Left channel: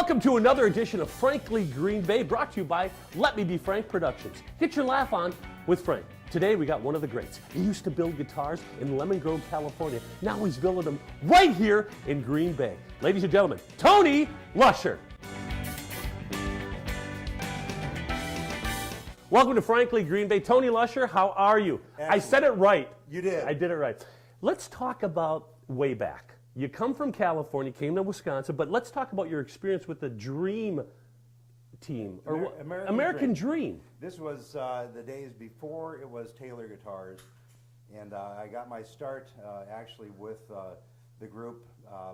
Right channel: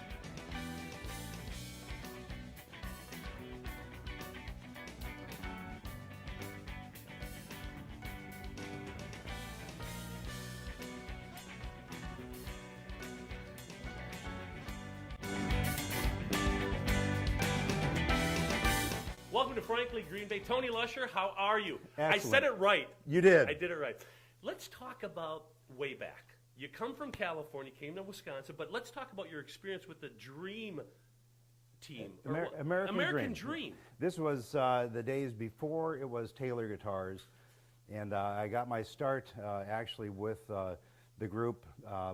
Welcome to another edition of Frankly Green Bay, brought to you by Let Me Be Frank Productions. Get your laugh on with Frank. Today we got one of the greats. He used to build guitars in Lemon Grove, California. Now he's building them right here in Green Bay. Ladies and gentlemen, Tony Lusher. Welcome to Frankly Green Bay. Tony Lusher, how are you? Excellent. I said it right. You did. I did it right. Let's talk about way back. You come from California, came to Wisconsin, but let's talk about your experience with the Dream team. American Dream. This was the days before it was Taylor Guitars, and I got my start actually with the group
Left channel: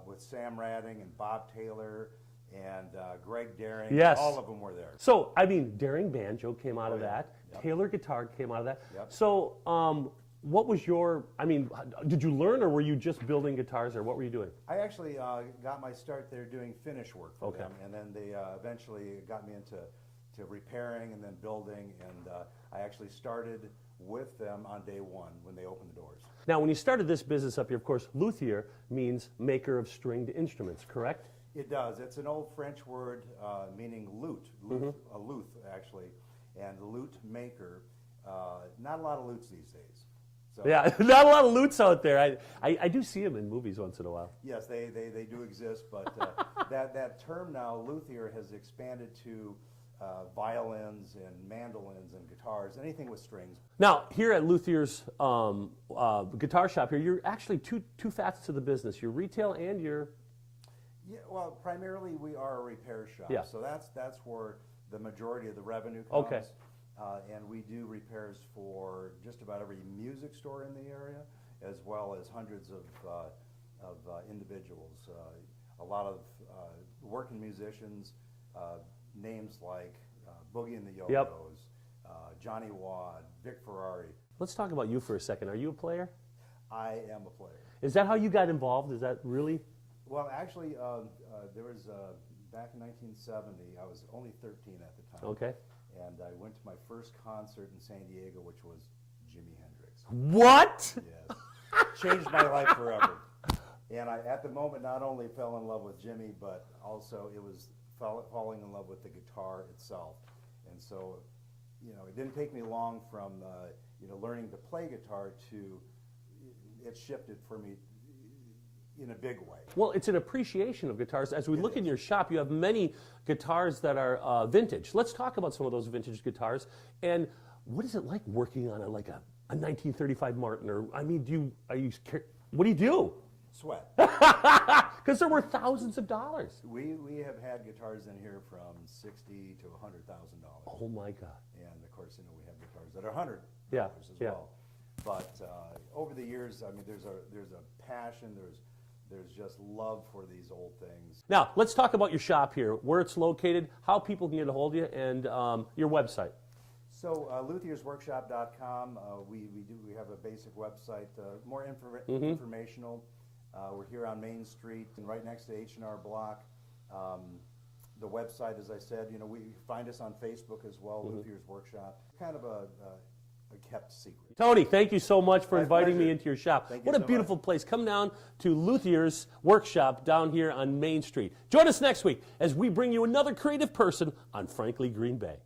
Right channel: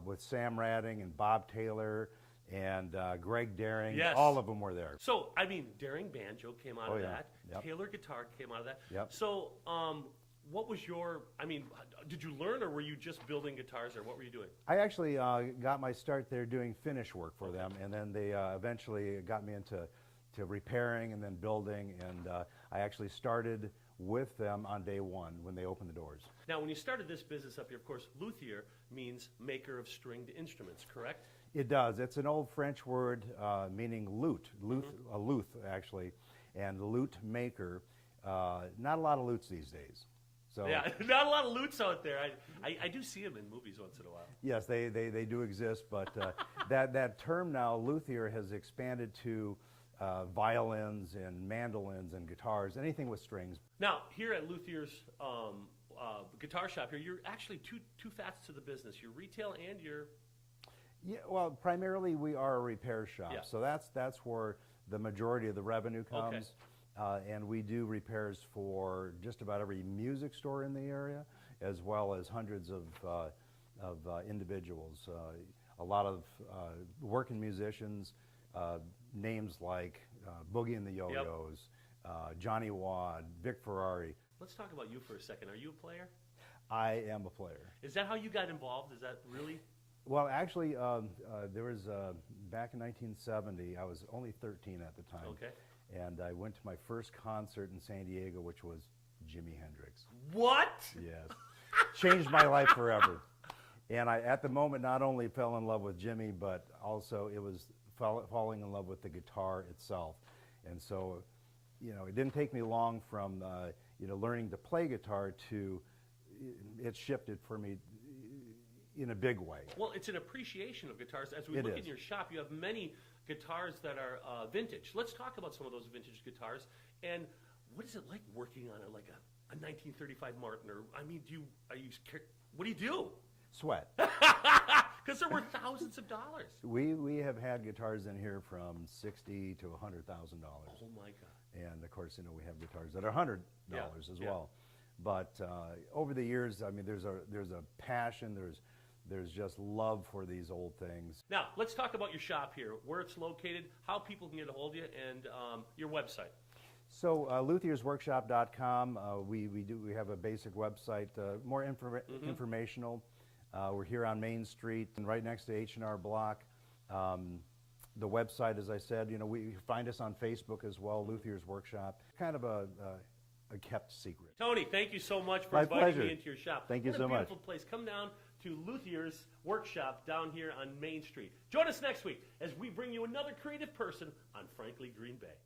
with Sam Radding and Bob Taylor and Greg Daring. Yes. All of them were there. So, I mean, Daring Banjo came out of yeah. that. Yep. Taylor Guitar came out of that. Yep. So, what was your, I mean, did you learn or were you just building guitars or what were you doing? I actually got my start there doing finish work for them, and then they eventually got me into repairing and then building, and I actually started with them on day one when they opened the doors. Now, when you started this business up here, of course, luthier means maker of stringed instruments, correct? It does. It's an old French word meaning lute, a luth actually, and lute maker. Not a lot of lutes these days. So, yeah, not a lot of lutes out there. I do see them in movies once in a while. Yes, they do exist, but that term now, luthier, has expanded to violins and mandolins and guitars, anything with strings. Now, here at Luthier's guitar shop here, you're actually two facets of the business. You're retail and you're... Yeah, well, primarily we are a repair shop, Yeah. so that's where the majority of the revenue comes. Okay. And we do repairs for just about every music store in the area, as well as hundreds of individuals. A lot of working musicians, names like Boogie and the Yo-Yos, Yep. Johnny Wad, Vic Ferrari. Let's talk about you for a second. Are you a player? I am a player. Is that how you got involved? Is that really? Well, actually, there was, back in 1970, I was only 13 at the time. Okay. And I went to my first concert in San Diego, which was Jimi Hendrix. What? Yes. Changed my life forever. And I, at the moment, not only fell in love with Jimmy, but also it was falling in love with the guitar itself. And so, it didn't take me long from, learning to play guitar to, it shifted for me in a big way. Well, it's an appreciation of guitars. As we look in is. your shop, you have many guitars that are vintage. Let's talk about some of those vintage guitars. And what is it like working on a 1935 Martin? Or, I mean, what do you do? Sweat. Because they're worth thousands of dollars. We have had guitars in here from $60,000 to $100,000. Oh my God! And of course, we have guitars that are $100 as well. But over the years, I mean, there's a passion. There's just love for these old things. Now, let's talk about your shop here, where it's located, how people can get a hold of you, and your website. So, luthiersworkshop.com. We have a basic website, more informational. We're here on Main Street, and right next to H&R Block. The website, as I said, we find us on Facebook as well, Luthier's Workshop. Kind of a kept secret. Tony, thank you so much for My inviting pleasure. me into your shop. Thank you What a so beautiful much. place. Come down to Luthier's Workshop down here on Main Street. Join us next week as we bring you another creative person on Frankly Green Bay.